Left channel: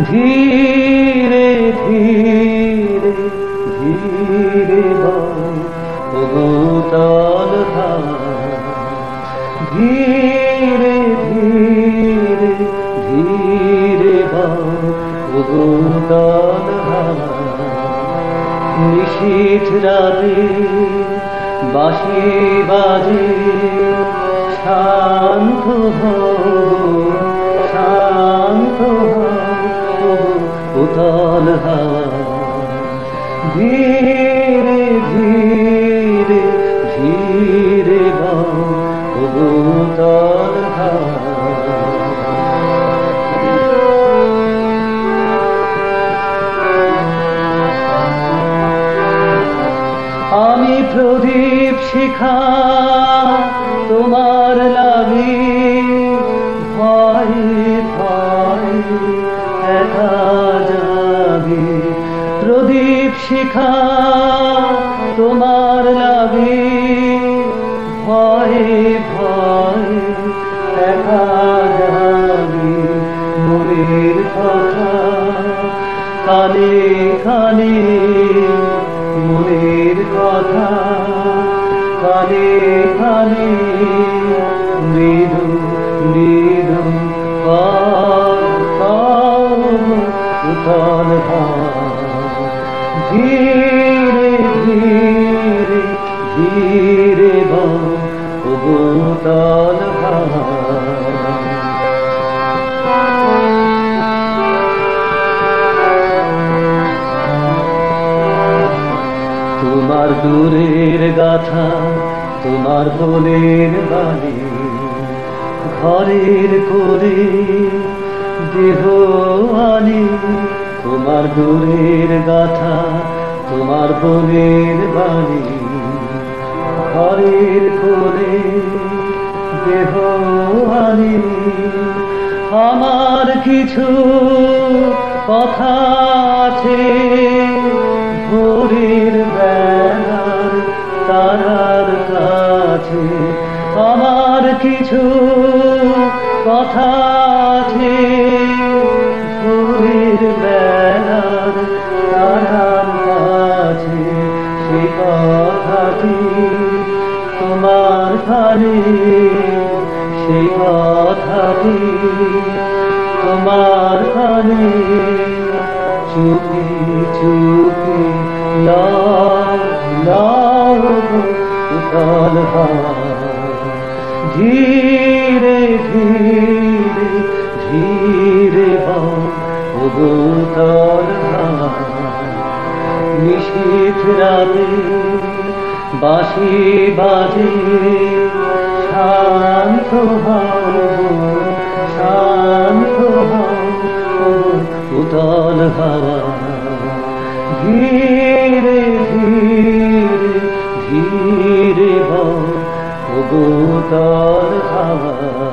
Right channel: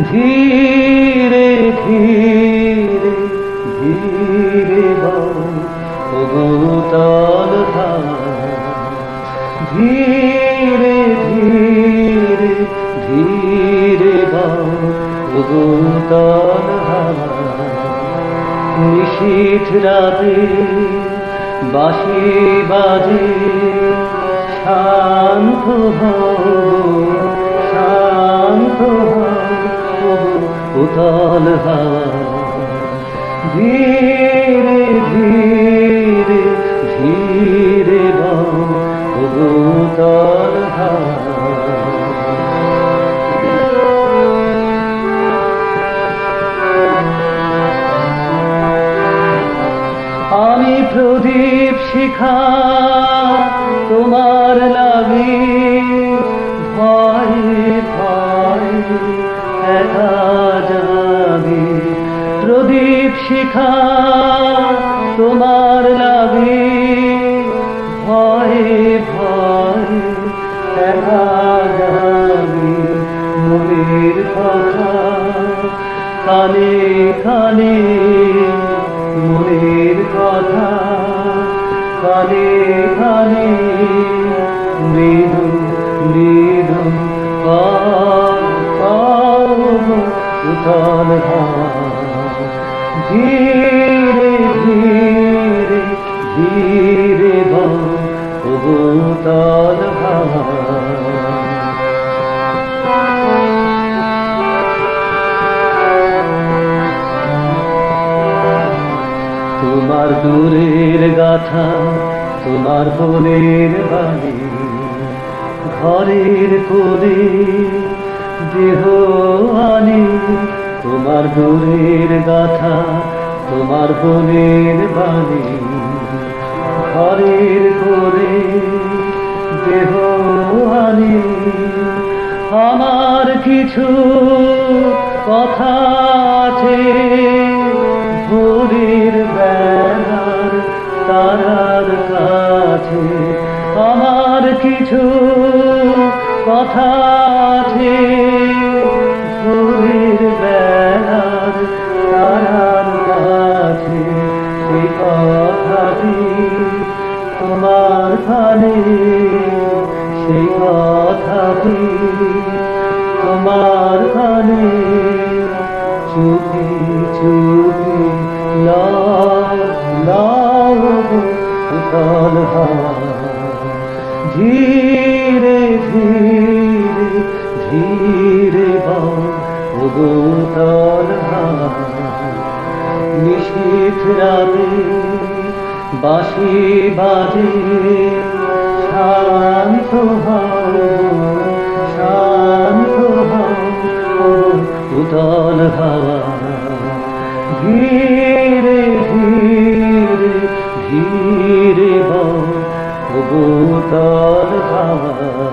ধীরে ধীরে ধীরে ভূতল ধীরে ধীরে ধীরে ভূতল নিশীথ রাতে বাঁশি বাজে শান্ত শান্ত উতল হাওয়া ধীরে ধীরে ধীরে উতল হাওয়া আমি প্রদীপ শিখা তোমার লাগি ভয় প্রদীপ শিখা তোমার লাগি ভয় ভয় মনের কথা কানে কানে মনের কথা কানে কানে মৃদু মৃদু উতল হাওয়া ধীরে ধীরে ধীরে উতল হাওয়া তোমার দূরের গাথা তোমার মনের বাড়ি ঘরের কোলে দেহ আনি তোমার দূরের গাথা তোমার মনের বাড়ি ঘরের কোলে দেহ আনি আমার কিছু কথা আছে তারার কাছে আমার কিছু কথা আছে ভোরের বেলার তারার কাছে সেই কথাটি তোমার কানে সেই কথাটি তোমার কানে চুপি চুপি ধীরে ধীরে ধীরে উতল নিশীথ রাতে বাঁশি বাজে শান্ত শান্ত উতল হাওয়া ধীরে ধীরে ধীরে উতল হাওয়া